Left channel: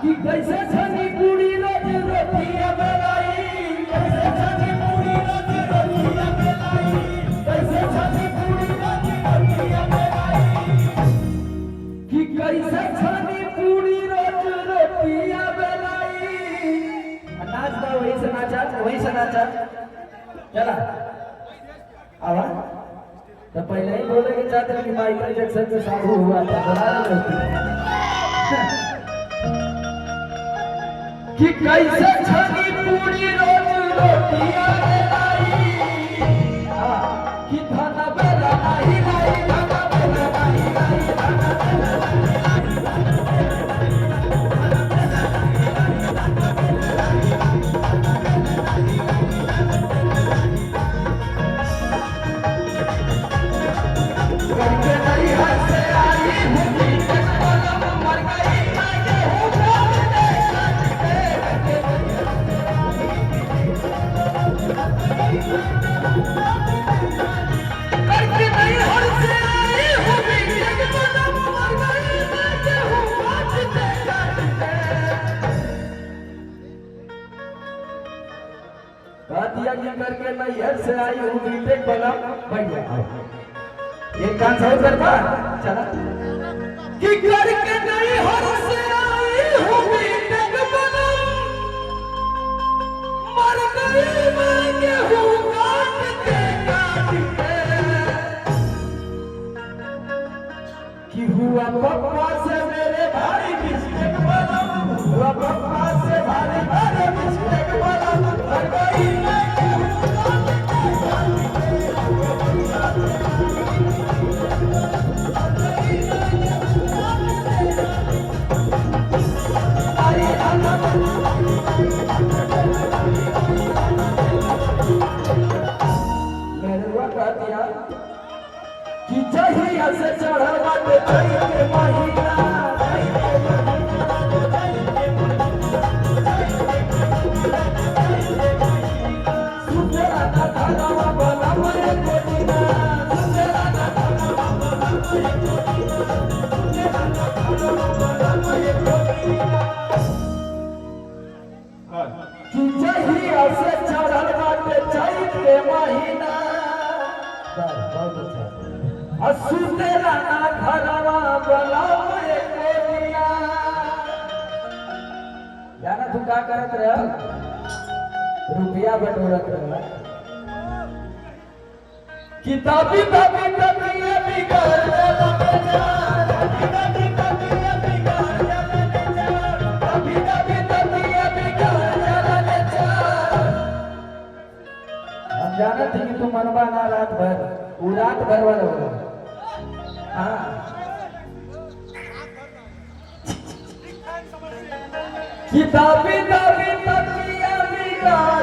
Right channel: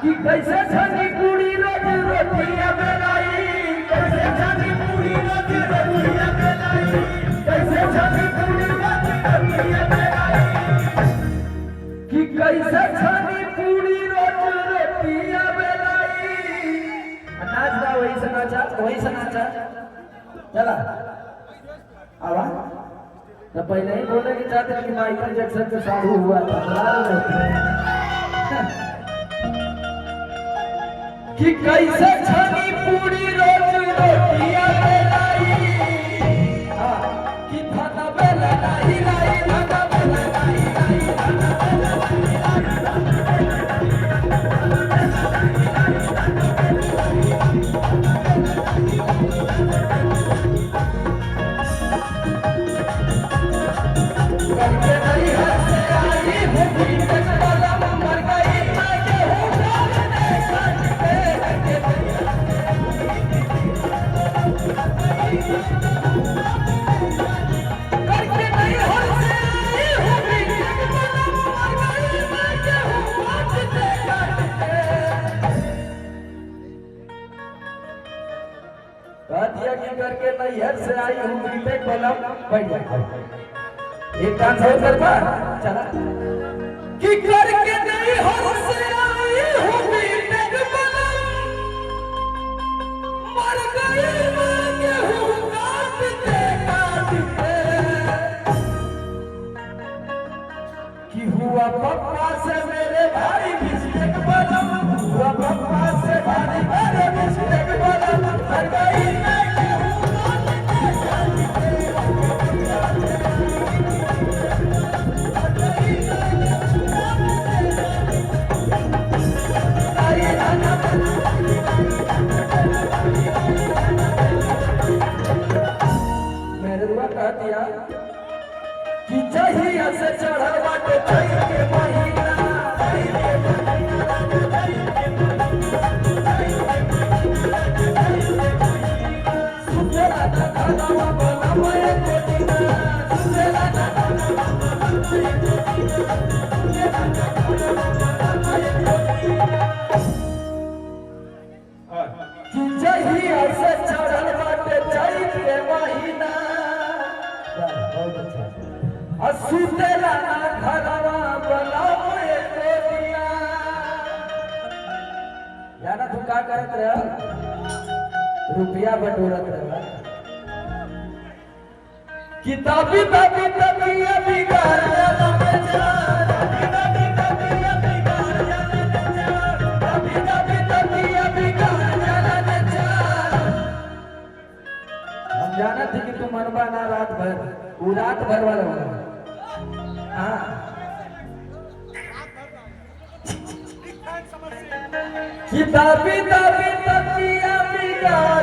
कि कैसे छनी पूरी रोज रोटियां बेलाई, कैसे छनी पूरी रोज रोटियां बेलाई, कैसे छनी पूरी रोज रोटियां बेलाई, कि कैसे छनी पूरी रोज रोटियां बेलाई। नाच गा वही से नाचा चला आवा तो पहले ही बोले कि चाहते कि माइकल जैक्सन के साधु हुआ था कि कैसे छनी पूरी रोज रोटियां बेलाई, कि खाना बेला लाई लाई खाना बेला लाई लाई खाना बेला करके नहीं हाथ से आई होती मर गई मैं करके नहीं हाथ से आई होती मर गई रातिया की करके नहीं हाथ से आई हूँ बीते कलम बैठ जाए एक डांस है सरकार चला कि करके नहीं हर से आई हूँ बीते कलम मर गई मैं गेहूं काट के कि हुआ पापा से मेरे भाई बिस्किट वाला, हुआ पापा से भाई भाई बिस्किट वाला मर गई मैं कि जहिया से चढ़ल बाटे चैत के महीना, सुतेला ना खाना वाला मैं तेरा, सुतेला ना खाना वाला मैं सुतेला ना खाना वाला मैं कि जहिया से चढ़ल बाटे चैत के महीना, सुतेला ना घरवा वाला मैं तेरिया। जाना तू का करत रह रुपया बटोरत रह किताबी ताबी तकिया बिगाड़ जाना बेचार, किताबी तकिया बिगाड़ जाना बेचार, किताबी तकिया बिगाड़ जाना बेचार। हम जानत हैं कि तू मनवा ना रात भर वो रात भर वाला किताबी तकिया बिगाड़